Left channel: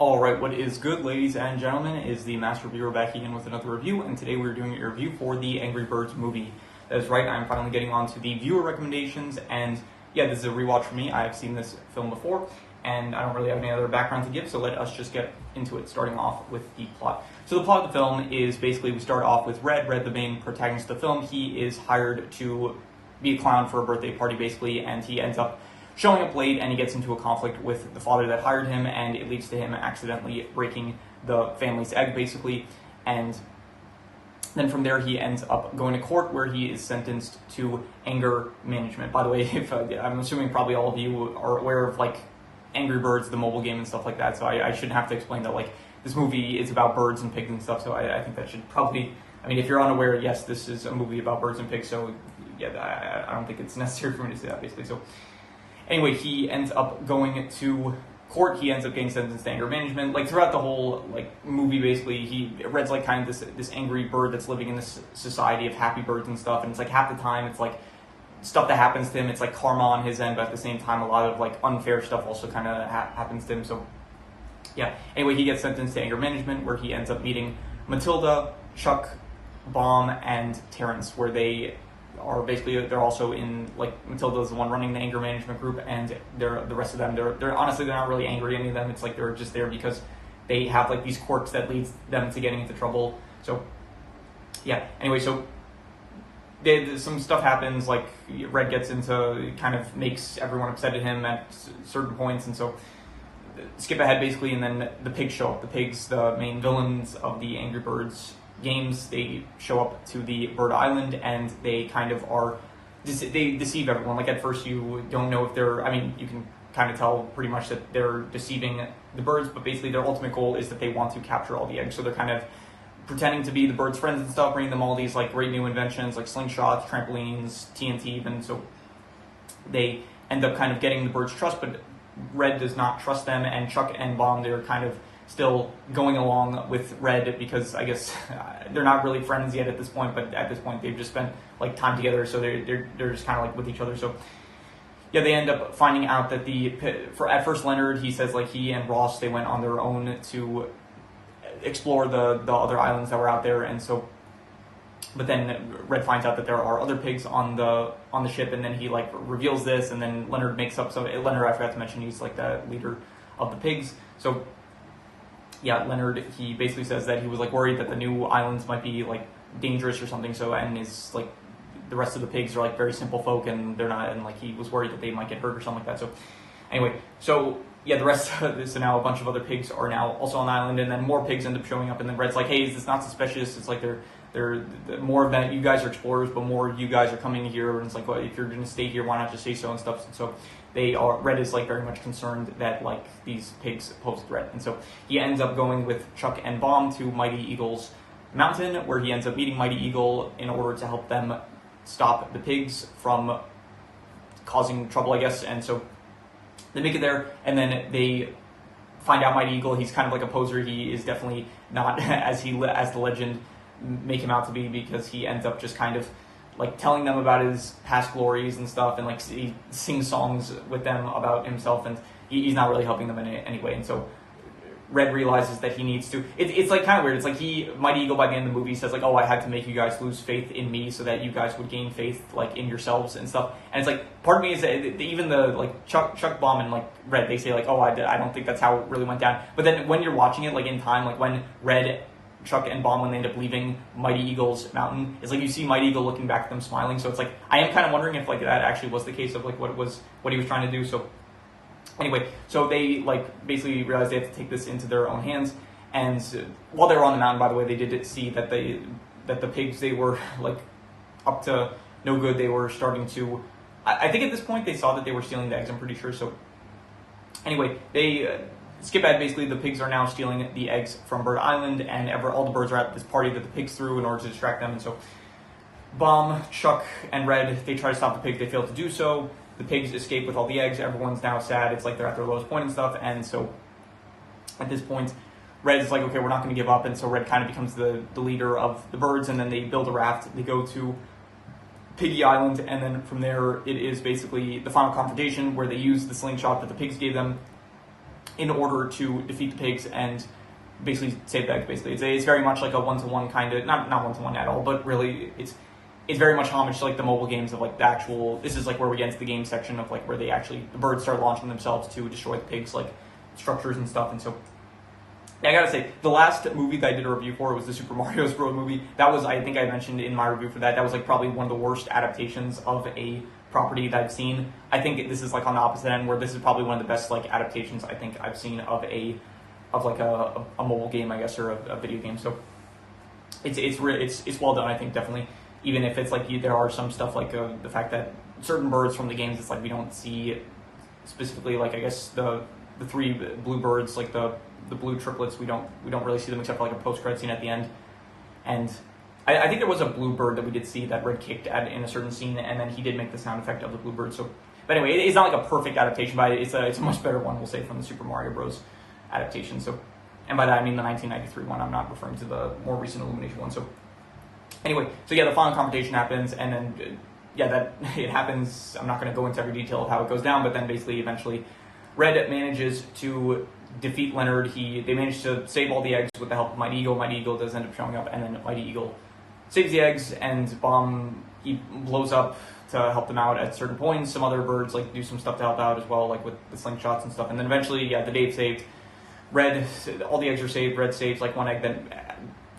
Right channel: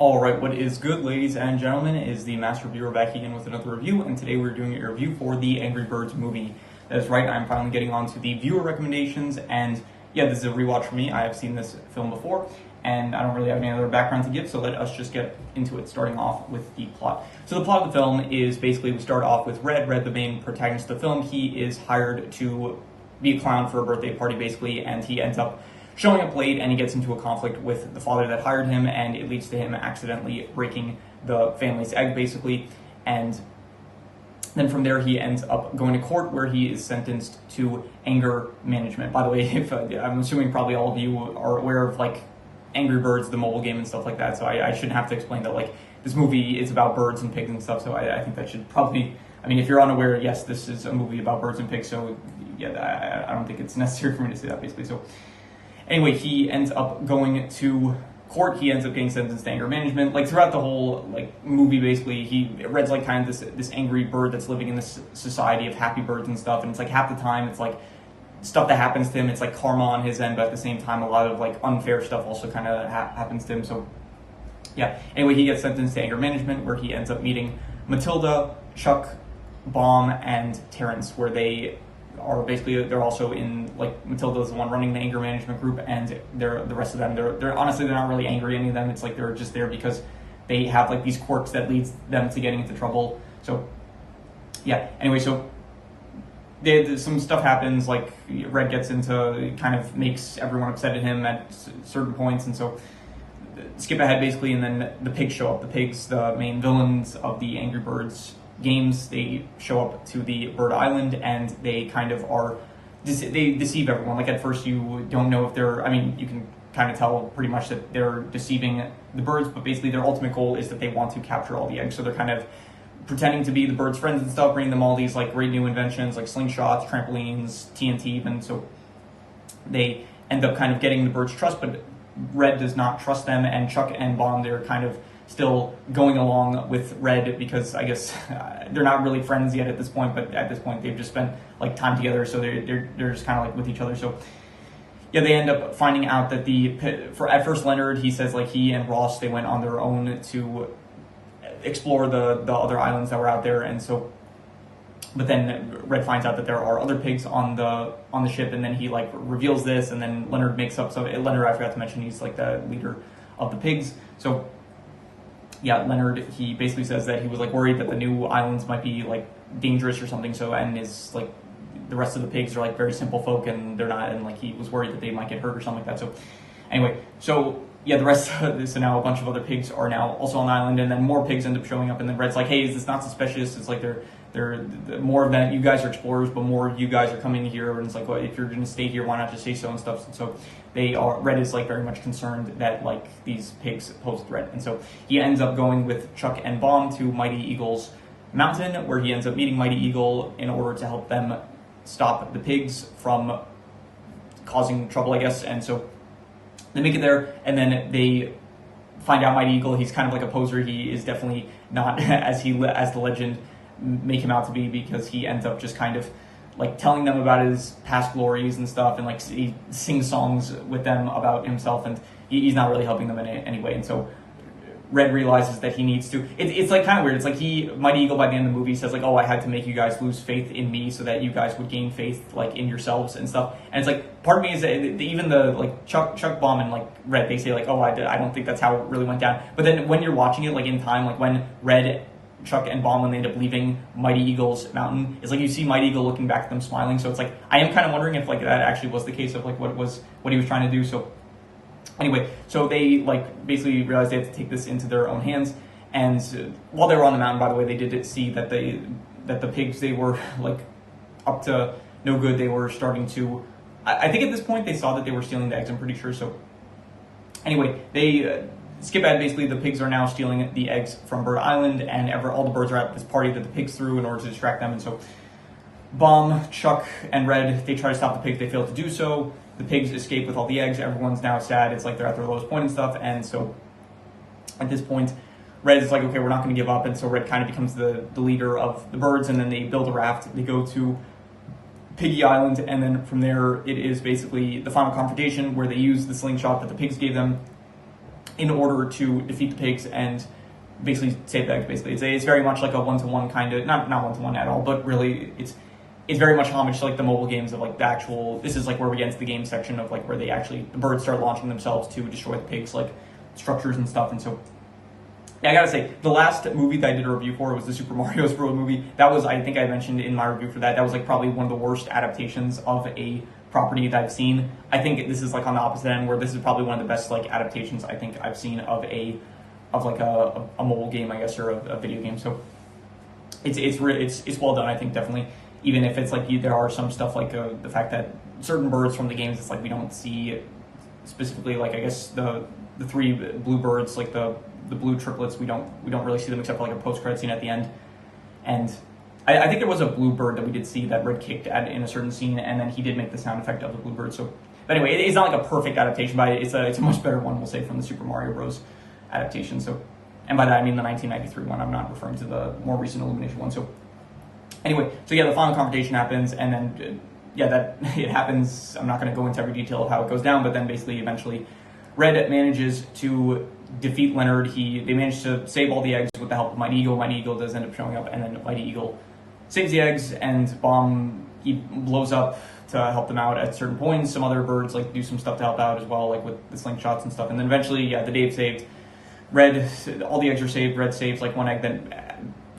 Alright, what is good, ladies and gentlemen, is the Master Reviewer back again with another review, and today we're doing a review for the Angry Birds movie. That is right, I'm finally getting on to the viewer recommendations, and yeah, this is a rewatch for me. I have seen this film before, and I don't really have any other background to give, so let us just get into it, starting off with the plot. So the plot of the film is basically, we start off with Red, the main protagonist of the film. He is hired to be a clown for a birthday party, basically, and he ends up showing up late, and he gets into a conflict with the father that hired him, and it leads to him accidentally breaking the family's egg, basically. And then from there, he ends up going to court, where he is sentenced to anger management. By the way, if I'm assuming probably all of you are aware of like Angry Birds, the mobile game and stuff like that, so I shouldn't have to explain that like this movie is about birds and pigs and stuff. So I think that should probably, I mean, if you're unaware, yes, this is a movie about birds and pigs. So yeah, I don't think it's necessary for me to say that, basically. So anyway, he ends up going to court. He ends up getting sentenced to anger management. Like throughout the whole like movie, basically, Red's like kind of this angry bird that's living in this society of happy birds and stuff. And it's like half the time it's like stuff that happens to him. It's like karma on his end, but at the same time, a lot of like unfair stuff also kind of happens to him. So yeah. Anyway, he gets sentenced to anger management, where he ends up meeting Matilda, Chuck, Baum, and Terrence, where they are basically, they're also in, like, Matilda's the one running the anger management group, and the rest of them, they're honestly, they're not really angry, any of them. It's like they're just there because they have like these quirks that leads them to getting into trouble. So yeah, anyway, so some stuff happens, like Red gets into, kind of makes everyone upset at him at certain points, and so skip ahead basically, and then the pigs show up. The pigs, the main villains of the Angry Birds games, they show up to the Bird Island, and they kind of are, they deceive everyone. Like at first you don't know if they're, I mean, you can kind of tell pretty much that they're deceiving the birds, but basically their ultimate goal is that they want to capture all the eggs. So they're kind of pretending to be the birds' friends and stuff, bringing them all these like great new inventions like slingshots, trampolines, TNT even. So they end up kind of getting the birds' trust, but Red does not trust them, and Chuck and Baum, they're kind of still going along with Red because I guess they're not really friends yet at this point, but at this point they've just spent like time together, so they're just kind of like with each other. So yeah, they end up finding out that at first Leonard, he says like he and Ross, they went on their own to explore the other islands that were out there, and so but then Red finds out that there are other pigs on the ship, and then he like reveals this, and then Leonard makes up some. Leonard, I forgot to mention, he's like the leader of the pigs. So yeah, Leonard, he basically says that he was like worried that the new islands might be like dangerous or something. So, and is like the rest of the pigs are like very simple folk, and they're not, and like he was worried that they might get hurt or something like that. So anyway, so yeah, the rest of this, and now a bunch of other pigs are now also on the island, and then more pigs end up showing up, and then Red's like, hey, is this not suspicious? It's like they're more of that, you guys are explorers, but more you guys are coming here, and it's like, well, if you're gonna stay here, why not just say so and stuff. And so Red is like very much concerned that like these pigs pose a threat, and so he ends up going with Chuck and Baum to Mighty Eagle's mountain, where he ends up meeting Mighty Eagle in order to help them stop the pigs from causing trouble, I guess. And so they make it there, and then they find out Mighty Eagle, he's kind of like a poser. He is definitely not as the legend make him out to be, because he ends up just kind of like telling them about his past glories and stuff, and like he sings songs with them about himself, and he's not really helping them in any way. And so Red realizes that he needs to, it's like kind of weird. It's like Mighty Eagle by the end of the movie says like, oh, I had to make you guys lose faith in me so that you guys would gain faith like in yourselves and stuff. And it's like, part of me is that even the like Chuck Baum and like Red, they say like, oh, I don't think that's how it really went down. But then when you're watching it like in time, like when Red, Chuck, and Baum, when they end up leaving Mighty Eagle's mountain, it's like you see Mighty Eagle looking back at them smiling. So it's like, I am kind of wondering if like that actually was the case of like what he was trying to do. So anyway, so they like basically realized they have to take this into their own hands. And while they were on the mountain, by the way, they did see that the pigs, they were like up to no good. They were starting to, I think at this point they saw that they were stealing the eggs, I'm pretty sure. So anyway, they skip ahead, basically the pigs are now stealing the eggs from Bird Island, and all the birds are at this party that the pigs threw in order to distract them. And so Baum, Chuck, and Red, they try to stop the pigs. They fail to do so. The pigs escape with all the eggs. Everyone's now sad. It's like they're at their lowest point and stuff. And so at this point, Red is like, okay, we're not going to give up. And so Red kind of becomes the leader of the birds, and then they build a raft. They go to Piggy Island, and then from there it is basically the final confrontation, where they use the slingshot that the pigs gave them in order to defeat the pigs and basically save the eggs. Basically, it's very much like a one-to-one kind of, not one-to-one at all, but really it's very much homage to like the mobile games of like the actual. This is like where we get into the game section of like where they actually, the birds start launching themselves to destroy the pigs like structures and stuff. And so yeah, I gotta say, the last movie that I did a review for was the Super Mario Bros. Movie. That was, I think I mentioned in my review for that, that was like probably one of the worst adaptations of a property that I've seen. I think this is like on the opposite end, where this is probably one of the best like adaptations I think I've seen of like a mobile game, I guess, or a video game. So it's well done, I think, definitely. Even if it's like there are some stuff like the fact that certain birds from the games, it's like we don't see specifically, like I guess the three blue birds, like the blue triplets, we don't really see them except for like a post-credit scene at the end. And I think there was a blue bird that we did see that Red kicked at in a certain scene, and then he did make the sound effect of the blue bird. So, but anyway, it's not like a perfect adaptation, but it's a much better one, we'll say, from the Super Mario Bros. Adaptation. So, and by that I mean the 1993 one. I'm not referring to the more recent Illumination one. So, anyway, so yeah, the final confrontation happens, and then yeah, that it happens. I'm not going to go into every detail of how it goes down, but then basically, eventually, Red manages to defeat Leonard. They manage to save all the eggs with the help of Mighty Eagle. Mighty Eagle does end up showing up, and then Mighty Eagle saves the eggs, and Bomb, he blows up to help them out at certain points. Some other birds like do some stuff to help out as well, like with the slingshots and stuff. And then eventually, yeah, the day is saved. Red, all the eggs are saved. Red saves like one egg that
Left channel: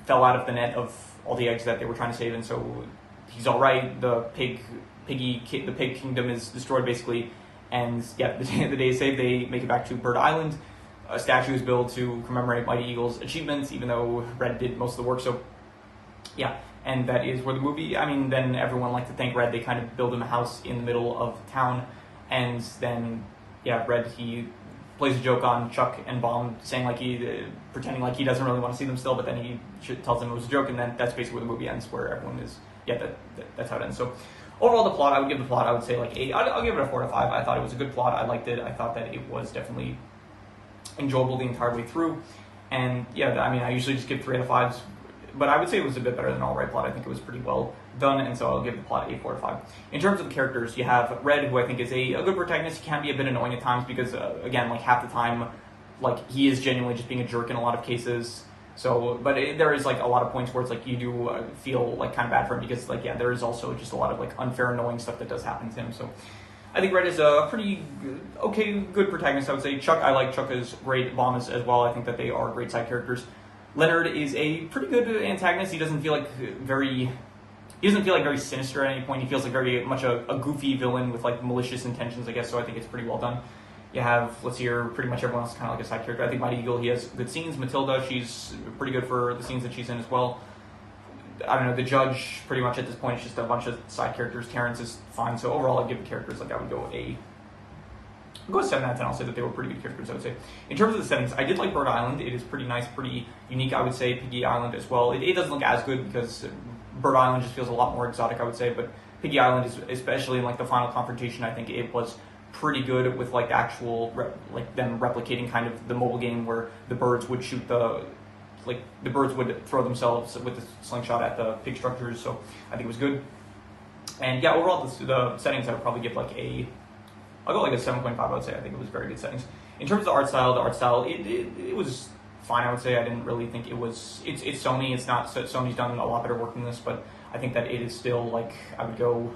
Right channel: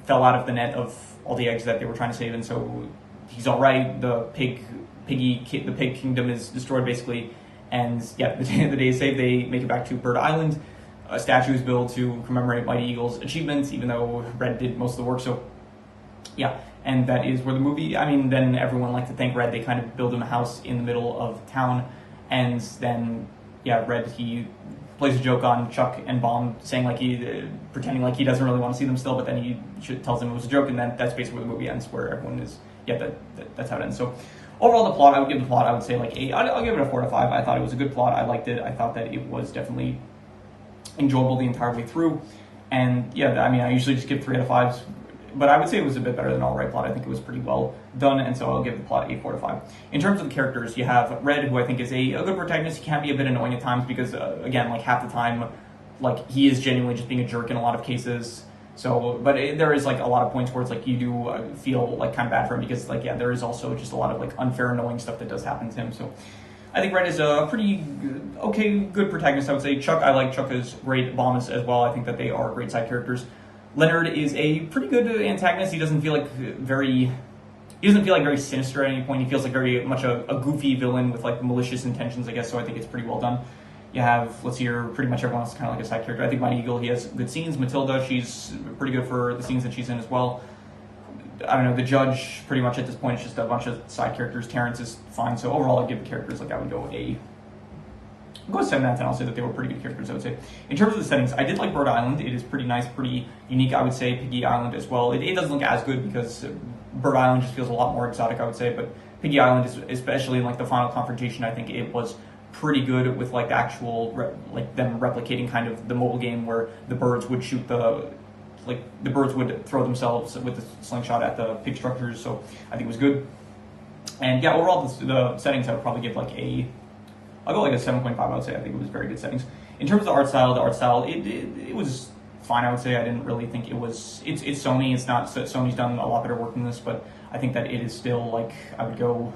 fell out of the net of all the eggs that they were trying to save, and so he's all right. The pig kingdom is destroyed basically, and yeah, the day is saved. They make it back to Bird Island. A statue is built to commemorate Mighty Eagle's achievements, even though Red did most of the work. So yeah, and that is where the movie. I mean, then everyone liked to thank Red. They kind of build him a house in the middle of town, and then yeah, Red, he plays a joke on Chuck and Bomb, saying like pretending like he doesn't really want to see them still, but then he tells them it was a joke, and then that's basically where the movie ends, where everyone is, yeah, that's how it ends. So overall, the plot, I would say like 8. I'll give it a 4 to 5. I thought it was a good plot. I liked it. I thought that it was definitely enjoyable the entire way through, and yeah, I mean, I usually just give 3 out of 5s, but I would say it was a bit better than All Right plot. I think it was pretty well done, and so I'll give the plot a 4 to 5. In terms of the characters, you have Red, who I think is a good protagonist. He can be a bit annoying at times because, again, like half the time, like he is genuinely just being a jerk in a lot of cases. So, but there is like a lot of points where it's like you do feel like kind of bad for him because, like, yeah, there is also just a lot of like unfair, annoying stuff that does happen to him. So, I think Red is a pretty good protagonist. I would say Chuck. I like Chuck as great. Bomb as well. I think that they are great side characters. Leonard is a pretty good antagonist. He doesn't feel like very sinister at any point. He feels like very much a goofy villain with like malicious intentions, I guess. So I think it's pretty well done. You have, let's see here, pretty much everyone else is kind of like a side character. I think Mighty Eagle, he has good scenes. Matilda, she's pretty good for the scenes that she's in as well. I don't know, the judge, pretty much at this point, it's just a bunch of side characters. Terrence is fine. So overall, I'd give the characters, like I would go a 7 out of 10. I'll say that they were pretty good characters, I would say. In terms of the settings, I did like Bird Island. It is pretty nice, pretty unique, I would say. Piggy Island as well. It doesn't look as good because Bird Island just feels a lot more exotic, I would say. But Piggy Island, is, especially in like the final confrontation, I think it was pretty good with like the actual, like them replicating kind of the mobile game where the birds would shoot the birds would throw themselves with the slingshot at the pig structures. So I think it was good. And yeah, overall, the settings I would probably give like I'll go like a 7.5, I would say. I think it was very good settings. In terms of the art style, it was fine, I would say. I didn't really think it was, it's Sony. It's not, Sony's done a lot better work than this, but I think that it is still like, I'll go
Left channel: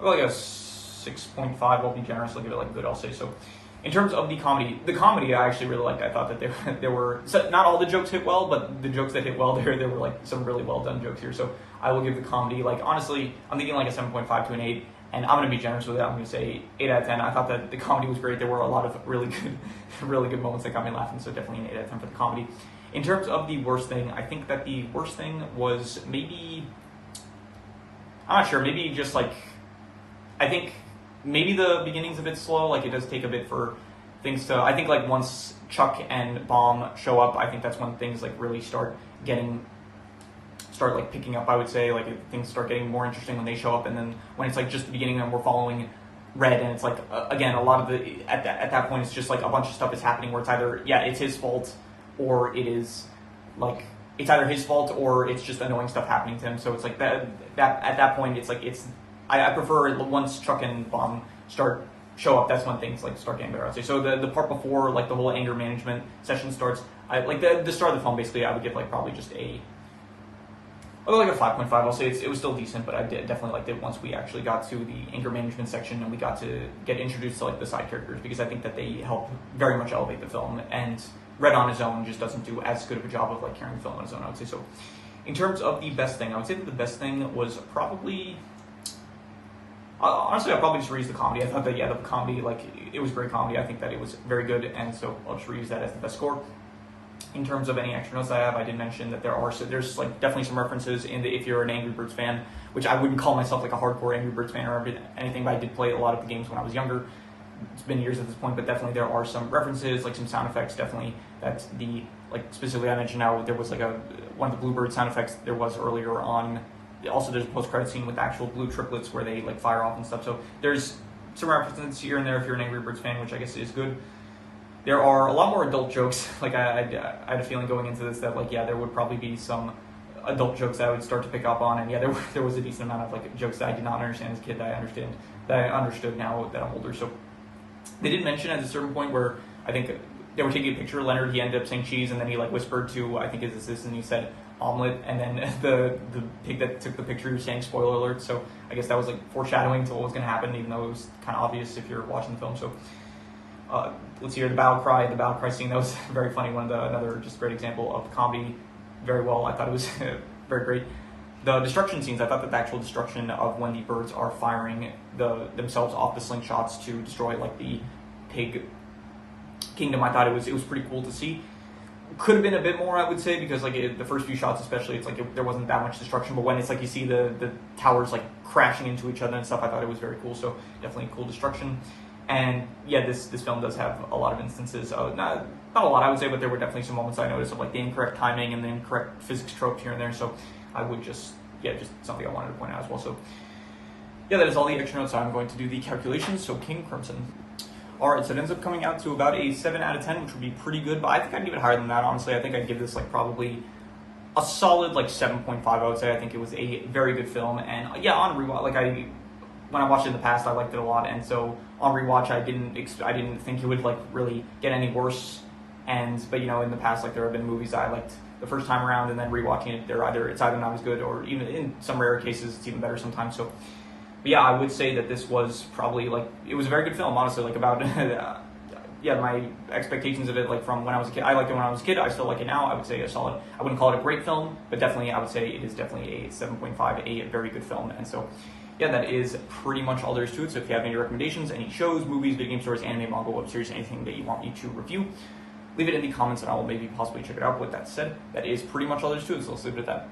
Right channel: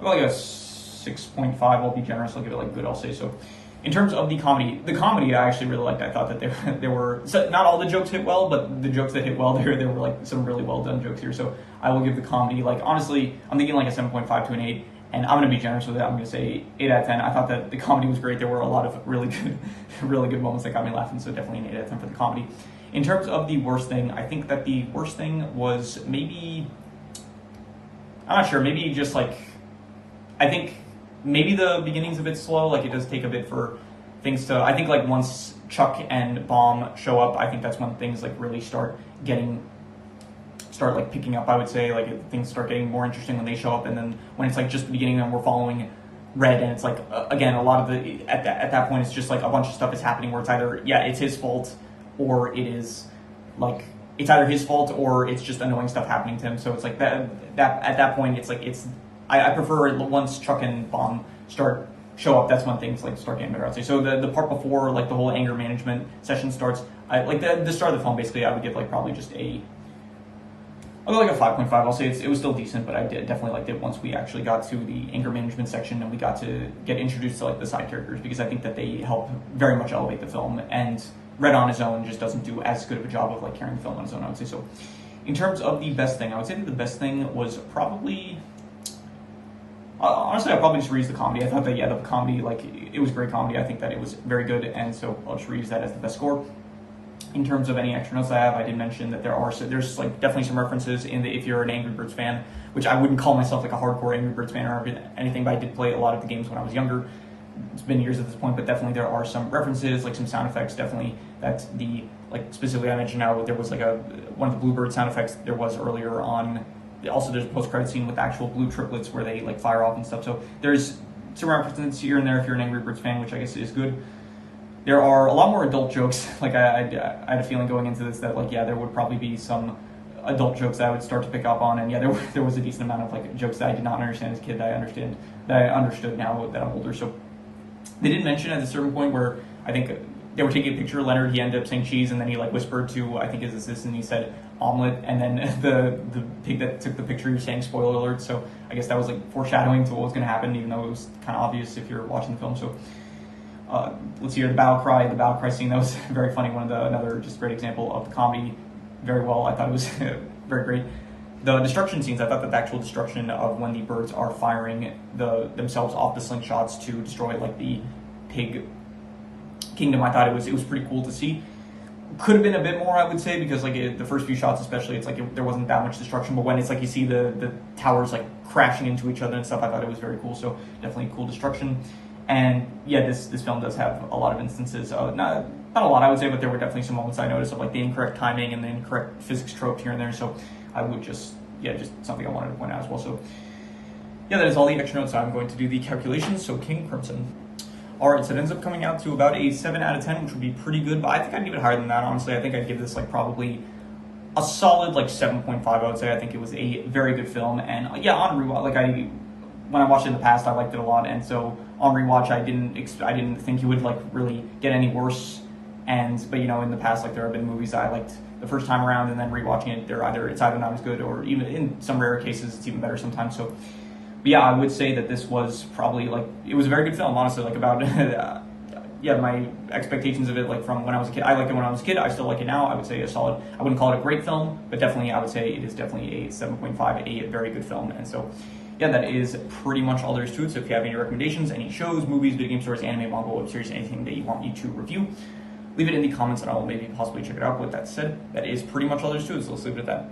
like a 6.5. I'll be generous. I'll give it like good, I'll say. So in terms of the comedy I actually really liked. I thought that there were, not all the jokes hit well, but the jokes that hit well, there were like some really well done jokes here. So I will give the comedy, like honestly, I'm thinking like a 7.5 to an 8. And I'm going to be generous with it. I'm going to say 8 out of 10. I thought that the comedy was great. There were a lot of really good moments that got me laughing. So definitely an 8 out of 10 for the comedy. In terms of the worst thing, I think that the worst thing was maybe, I'm not sure, maybe just like, I think maybe the beginning's a bit slow. Like it does take a bit for things to, I think like once Chuck and Bomb show up, I think that's when things like really start like picking up, I would say. Like things start getting more interesting when they show up, and then when it's like just the beginning and we're following Red, and it's like again, a lot of the at that point it's just like a bunch of stuff is happening where it's either it's his fault, or it is like it's either his fault or it's just annoying stuff happening to him. So it's like that at that point it's like I prefer once Chuck and Bomb start show up, that's when things like start getting better, I'd say. So the part before like the whole anger management session starts, I like the start of the film, basically I would give like probably just I'll go like a 5.5. I'll say it was still decent, but I definitely liked it once we actually got to the anger management section and we got to get introduced to like the side characters, because I think that they help very much elevate the film, and Red on his own just doesn't do as good of a job of like carrying the film on his own, I would say. So in terms of the best thing, I would say that the best thing was probably, honestly, I'll probably just reuse the comedy. I thought that, yeah, the comedy, like, it was great comedy. I think that it was very good, and so I'll just reuse that as the best score. In terms of any extra notes I have, I did mention that there's like definitely some references in the, if you're an Angry Birds fan, which I wouldn't call myself like a hardcore Angry Birds fan or anything, but I did play a lot of the games when I was younger. It's been years at this point, but definitely there are some references, like some sound effects, definitely, that the, like, specifically I mentioned now, there was like one of the Bluebird sound effects there was earlier on. Also, there's a post-credit scene with actual blue triplets where they like fire off and stuff. So there's some references here and there if you're an Angry Birds fan, which I guess is good. There are a lot more adult jokes. Like I had a feeling going into this that, like, yeah, there would probably be some adult jokes that I would start to pick up on, and yeah, there was a decent amount of like jokes that I did not understand as a kid that I understood now that I'm older. So they did mention at a certain point where I think they were taking a picture of Leonard, he ended up saying cheese, and then he like whispered to, I think, his assistant, he said omelet, and then the pig that took the picture, he was saying spoiler alert. So I guess that was like foreshadowing to what was going to happen, even though it was kind of obvious if you're watching the film. So let's see here, the battle cry scene, that was very funny. Another just great example of the comedy, very well. I thought it was very great. The destruction scenes, I thought that the actual destruction of when the birds are firing themselves off the slingshots to destroy like the pig kingdom, I thought it was pretty cool to see. Could have been a bit more, I would say, because like the first few shots especially, it's like there wasn't that much destruction, but when it's like you see the towers like crashing into each other and stuff, I thought it was very cool. So definitely cool destruction. And yeah, this film does have a lot of instances of, not a lot I would say, but there were definitely some moments I noticed of like the incorrect timing and the incorrect physics tropes here and there. So I would just something I wanted to point out as well. So yeah, that is all the extra notes. I'm going to do the calculations. So King Crimson. All right, so it ends up coming out to about a 7 out of 10, which would be pretty good, but I think I'd give it higher than that, honestly. I think I'd give this like probably a solid like 7.5, I would say. I think it was a very good film, and yeah, on rewatch, like when I watched it in the past, I liked it a lot, and so on rewatch, I didn't think it would like really get any worse. But you know, in the past, like there have been movies that I liked the first time around, and then rewatching it, it's either not as good, or even in some rare cases, it's even better sometimes. So, but yeah, I would say that this was probably like, it was a very good film, honestly. Like about yeah, my expectations of it, like from when I was a kid, I liked it when I was a kid. I still like it now. I would say a solid. I wouldn't call it a great film, but definitely I would say it is definitely a 7.5, a very good film. And so yeah, that is pretty much all there is to it. So if you have any recommendations, any shows, movies, video game stories, anime, manga, web series, anything that you want me to review, leave it in the comments and I will maybe possibly check it out. With that said, that is pretty much all there is to it. So let's leave it at that.